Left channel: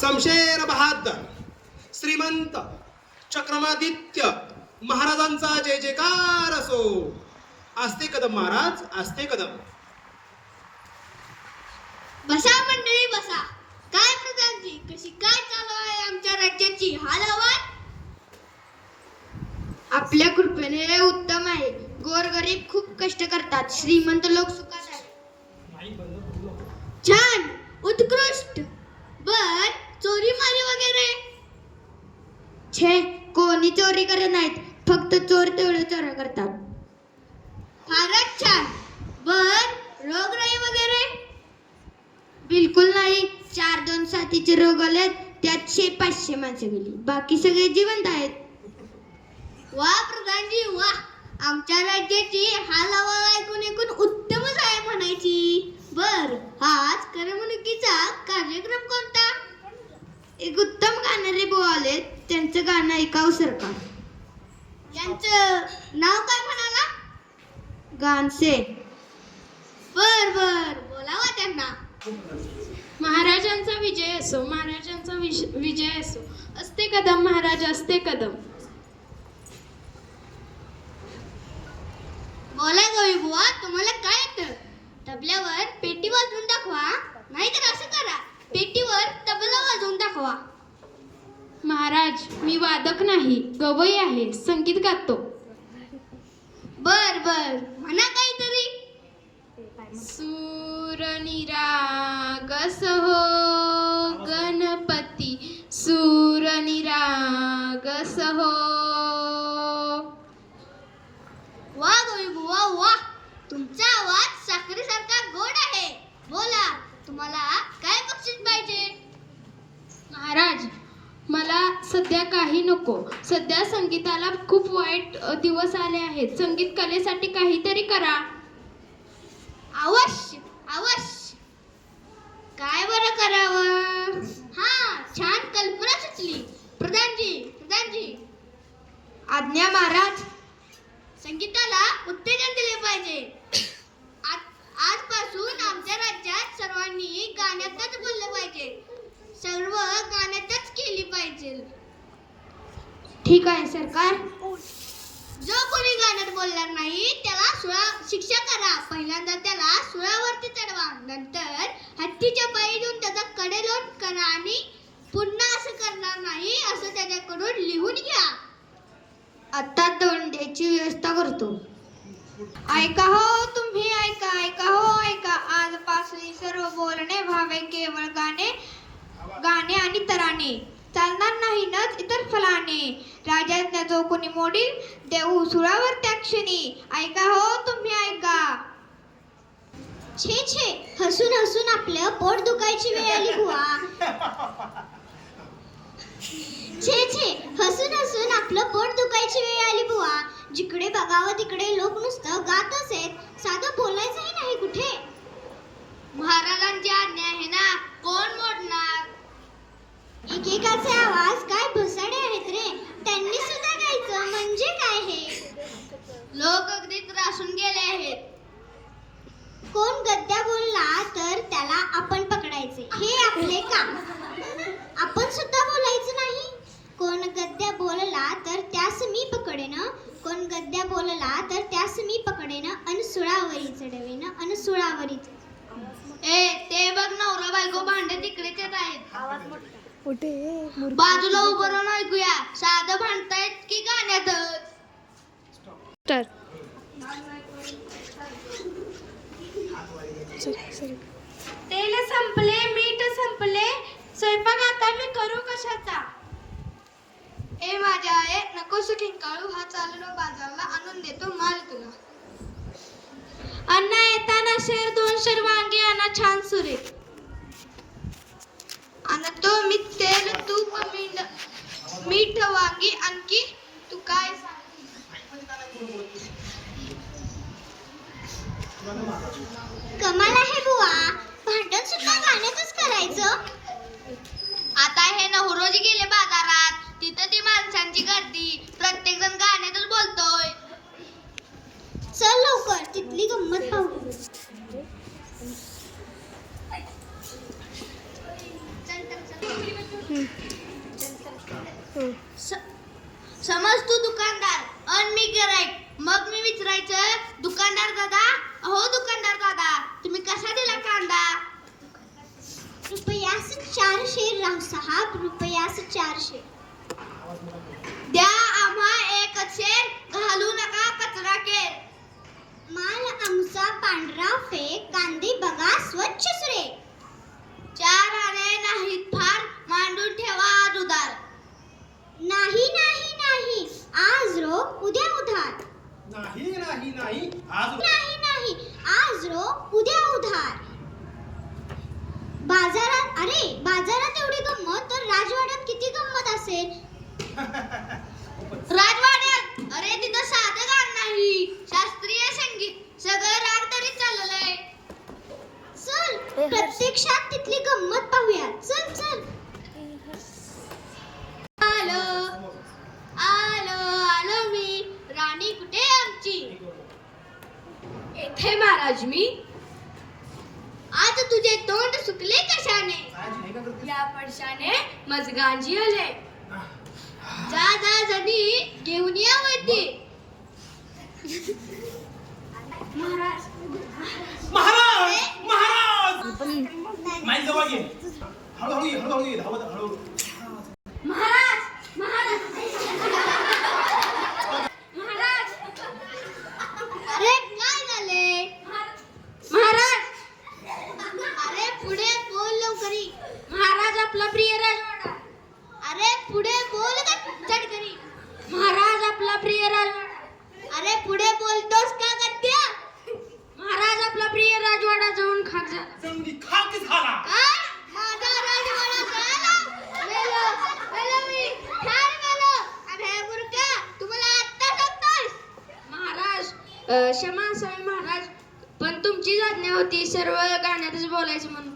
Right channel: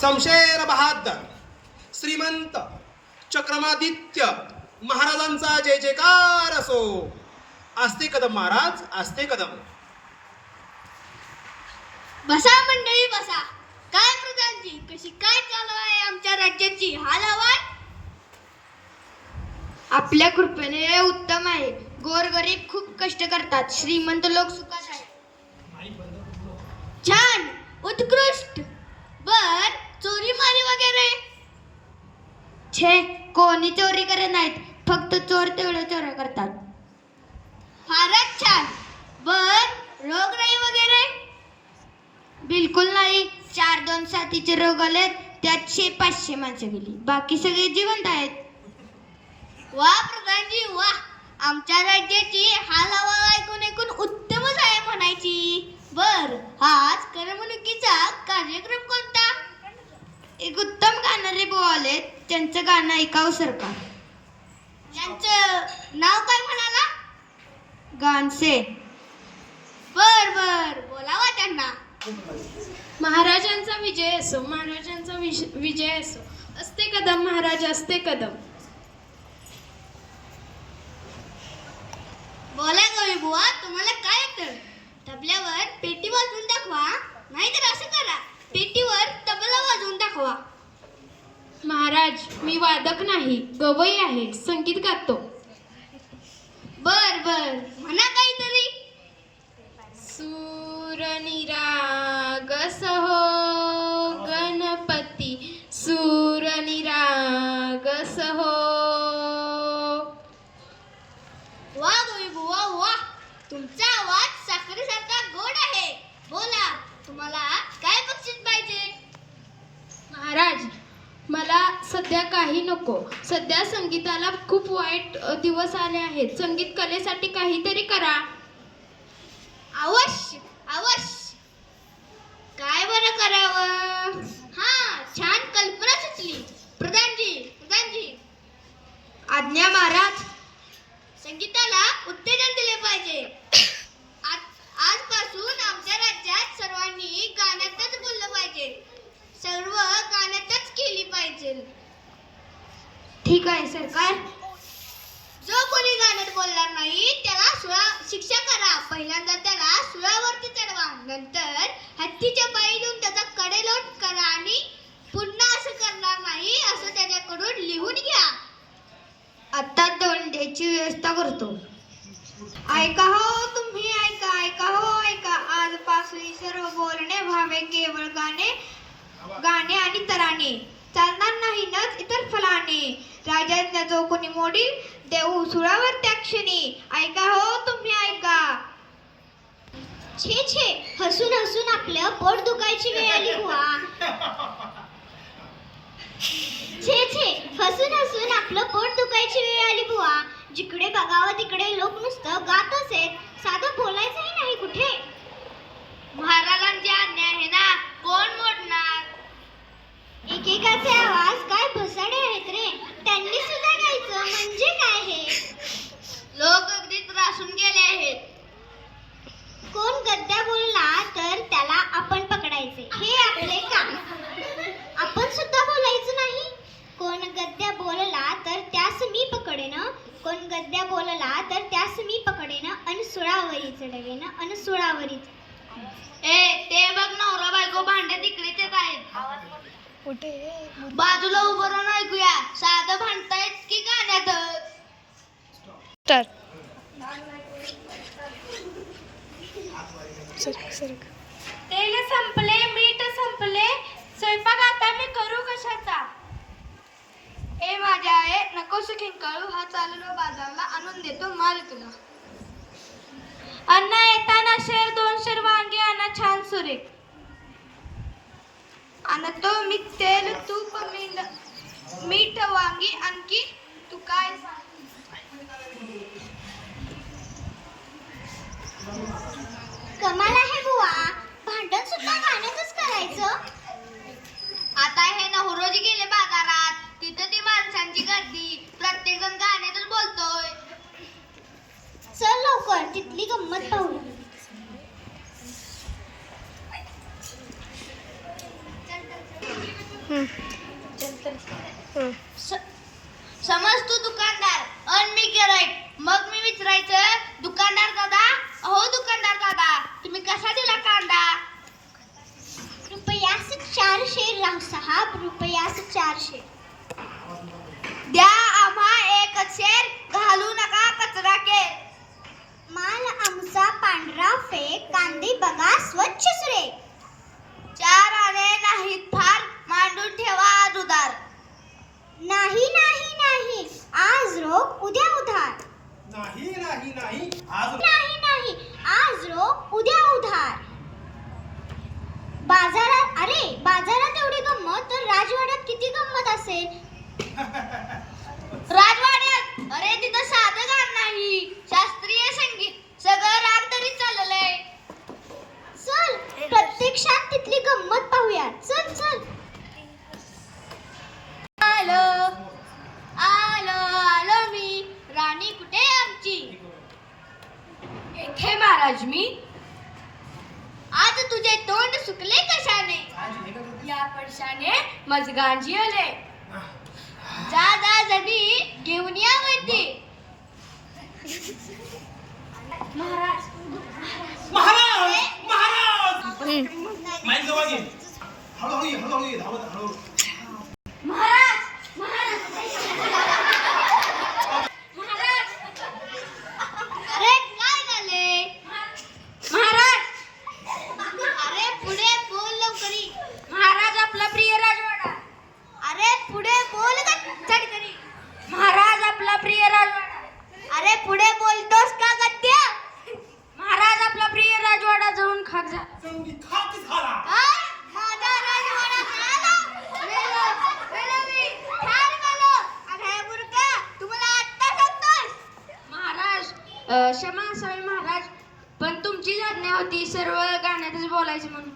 शमशेर बहादर श्रीमंत चक्रमादित्य महाराजांचा जय जयकार असो. आस्ते कदम महाराज, आस्ते कदम. बसा मंडळी बसा. काय प्रधानजी, कशी काय चालू आहे आमच्या राज्याची हालचाल? आपल्या कृपेने उत्तम आहे. गोरगरीब खूप कष्ट करतात, श्रीमंत लोक सुखात आहेत. छान, उत्कृष्ट. बर चोरी मारी वगैरे? छे, कोणी चोरी करत नाहीत, फक्त चोर तेवढे चोऱ्या करतात. फारच छान. बर रोगराई वगैरे? बिलकुल नाही. 4-2 साथीचे रोग आले, त्यात 500 माणसं गेली, बाकी सगळे जिवंत आहेत. वा प्रधानजी वा. आमच्या राज्याची हालचाल ऐकून ऐकून उत्तमच आहे म्हणायची. बर आज करमणुकीचा कार्यक्रम कोणता? एक उत्तम गाणारे बुवा आले, त्यांचं गाणं ऐकावं सरकार. त्यांचं नाव काय म्हणाला? गानसे. बर बर बोलावा त्यांना. महाराजांचा विजय असो, महाराजांचा विजय असो. असते कदम महाराज, असते कदम. बोला गवळी बुवा, तुम्हाला काय येतं? तबल्यावर पेटी वाजवून दाखवा, नाहीतर असं करा, पेटीवर तबला वाजवून दाखवा. महाराज, मी वादक नाही, गवई आहे, संगीत गातो. बर बर म्हणा काहीतरी. सूर निराग सहो गणपती, सूर निराग सहो. वा गवळी बुवा वा. तुमचा आवाज साखरेसारखा गोड आहे. बोला, तुम्हाला काय बक्षीस पाहिजे? महाराज, मला सध्या काही नको. सध्या संगीताला खूप वाईट दिवस आले आहेत. संगीत कलेसाठी काहीतरी करा. अवश्य अवश्य. काय बरं करावं? हा, छान कल्पना सुचली. प्रधानजी प्रधानजी, आज्ञा महाराज. संगीताला उत्तेजन दिले पाहिजे. आजपासून आमच्या राज्यात सर्वांनी गाण्यातच बोललं पाहिजे. सर्व गाण्यातच केली पाहिजे. ठीक आहे सरकार. जो कोणी गाण्यात बोलणार नाही त्याला शिक्षा करा. पहिल्यांदा त्याला सुळावरती चढवा, नंतर हत्तीच्या पायी देऊन त्याचा कडेलोट करा आणि पुन्हा असं करणार नाही असं त्याच्याकडून लिहून घ्या. आता दोंड्याची व्यवस्था करतो. ऐका हो तुम्ही, ऐका ऐका हो ऐका. आजपासून सर्व बोलणे व्हावे केवळ गाणे गाणे आणि तराणे. चालणार नाही न इतर फलाने. राजाज्ञा जो कोणी मोडील देऊ सुळावर त्या क्षणी. ऐका हो तुम्ही ऐका. छे छे, हसून हसून आपलं पोट दुखायची वेळ आली बुवा. छे छे, हसून हसून आपलं पोट दुखायची वेळ आली बुवा. जिकडे बघावं तिकडे लोक नुसतं गातच आहेत, साधं बोलायचंही नाही कुठे. महाराजांची आज्ञा आहे ना, कोण मोडणार? एकेकाचे आवाज काय भसाडे आहेत रे. त्यांनी सुद्धा गायचं म्हणजे काय हे? लोक अगदी त्रासून गेले आहेत. कोण गद्या बोलला तर त्याला आपण पकडायचे, हे आपले काम. आपण सुद्धा बोलायचं नाही. कोण गद्या बोलला तर त्यास मी पकडेन, कोण गद्या बोलला तर त्यास मी पकडेन आणि सुळावरी चढवेन आणि सुळावरी. ते बघ, नवरा बायको भांडे तिकडेच येत आहेत. बाजूला उभं राहून ऐकूया. साधं भांडतायत की गाण्यात? तेल संपले, मीठ संपले, स्वयंपाक आता मी करू कशाचा? ए माझ्या आहे, नकोस किंकाळू. हा चाललो बाजारला, आणून देतो माल तुला. अन्न येताना 2 शेर वांगी आणा, छान सुरेख. आणतो मी तेल, तूप, मीठ, वांगी. आणखी तू काय? कमाल आहे बुवा, भांडण सुद्धा गाण्यातच करायचं. आता हे नवरोजी गेले बाजारात, तिथं ती माणसांची गर्दी, प्रत्येक जण गाण्यातच बोलतोय. चल लवकर, तिथली गंमत पाहू. चल. समज तू दुकानदार आणि मी गिऱ्हाईक. मग मी विचारायचं, दुकानदार दादा, अहो दुकानदार दादा, तुम्ही कसा दिला कांदा? रुपयास 400 रावसाहेब, रुपयास 400. द्या आम्हा एक शेर, घालू नका कचरा केर. माल आमचा पांढरा फेक, कांदे बघा स्वच्छ सुरे. 4 आणे नाहीत फार, मांडून ठेवा आज उधार. नाही नाही नाही, आज रोख उद्या उधार. नाही नाही नाही आज नाही नाही, आज रोख उद्या उधार. बाजारात, अरे बाजारात एवढी गंमत तर राजवाड्यात किती गंमत असेल? राजवाड्यात, अरे तिथं साधं गाणं नाही, शास्त्रीय संगीत, सगळं राग तरी चाललंय. चल प्रत्यक्षात तिथली गंमत पाहूया. चल चल. आलो आलो आलो मी, राणी कुठे आमची? येथे महाराज मी. आज तुझे तोंड सुकले कशाने? या पडशाने मजगांजी आले. जा जा जणी घेऊन या वरती. महाराज महाराज महाराज माईक जवळ घे. हळूहळू ये, हळूहळू ये, धावत हळूहळू. महाराज महाराज महाराज, अरे काय झाले? महाराज, अरे पुढे बोल लवकरी. महाराज आपला प्रिय राजवाडा. अरे पुढे बोल चढकरी. महाराज आपला प्रिय राजवाडा. अरे पुढे बोलतोस का गद्या? महाराज आपला प्रिय राजवाडा जाऊन खाक झाला. संधी खाक झाला. काय? माझा राजवाडा जळाला? मेलो मी, ठार झालो. अरे मूर्खा, तुम्हाला आत्ता सांगतोस? महाराज, क्षमा असावी महाराज, पण तुमचीच आज्ञा होती सर्व गाण्यातच बोलायचं म्हणून.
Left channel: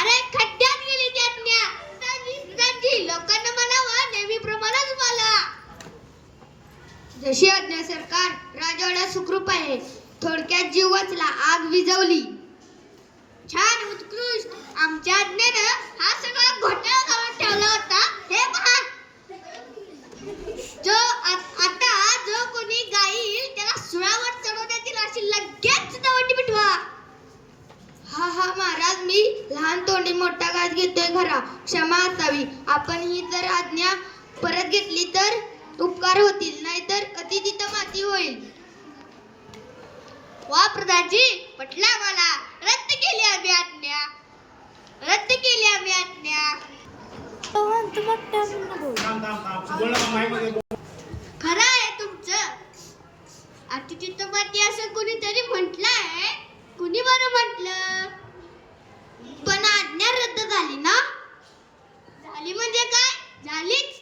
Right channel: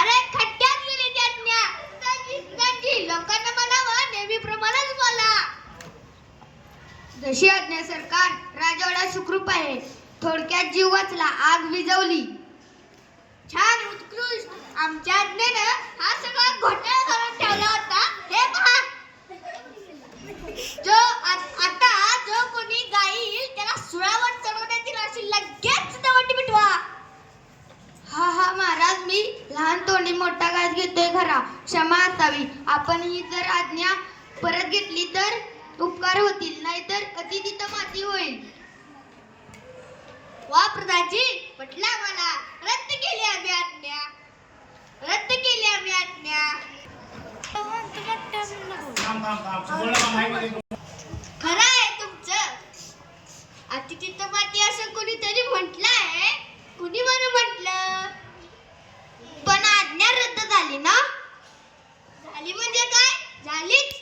अरे खड्ड्यात गेली ती आज्ञा. त्यांची लोकांना म्हणावं नेहमीप्रमाणेच बोला. जशी आज्ञा सरकार. राजवाडा सुखरूप आहे. थोडक्यात जीव वाचला, आग विझवली. छान, उत्कृष्ट. आमच्या आज्ञेनं हा सगळा घोटाळा घालून ठेवला होता. हे पहा, आता जो कोणी गाईल त्याला सुळावर चढवण्यात येईल अशी लगेच दवंडी पिटवा. हा हा महाराज, मी लहान तोंडी मोठा घास घेतोय खरा, क्षमा असावी. आपण ही जर आज्ञा परत घेतली तर उपकार होतील, नाहीतर अति तिथं माती होईल. वा प्रधानजी, पटला मला. रद्द केली आम्ही आज्ञा, रद्द केली आम्ही आज्ञा. थांब थांब थांब, बोल ना माईक मध्ये बोल. खरं आहे तुमचं. अति तिथं माती असं कोणीतरी म्हटलंय. कुणी बरं म्हटलं? पण आज्ञा रद्द झाली ना? झाली म्हणजे काय? झालीच.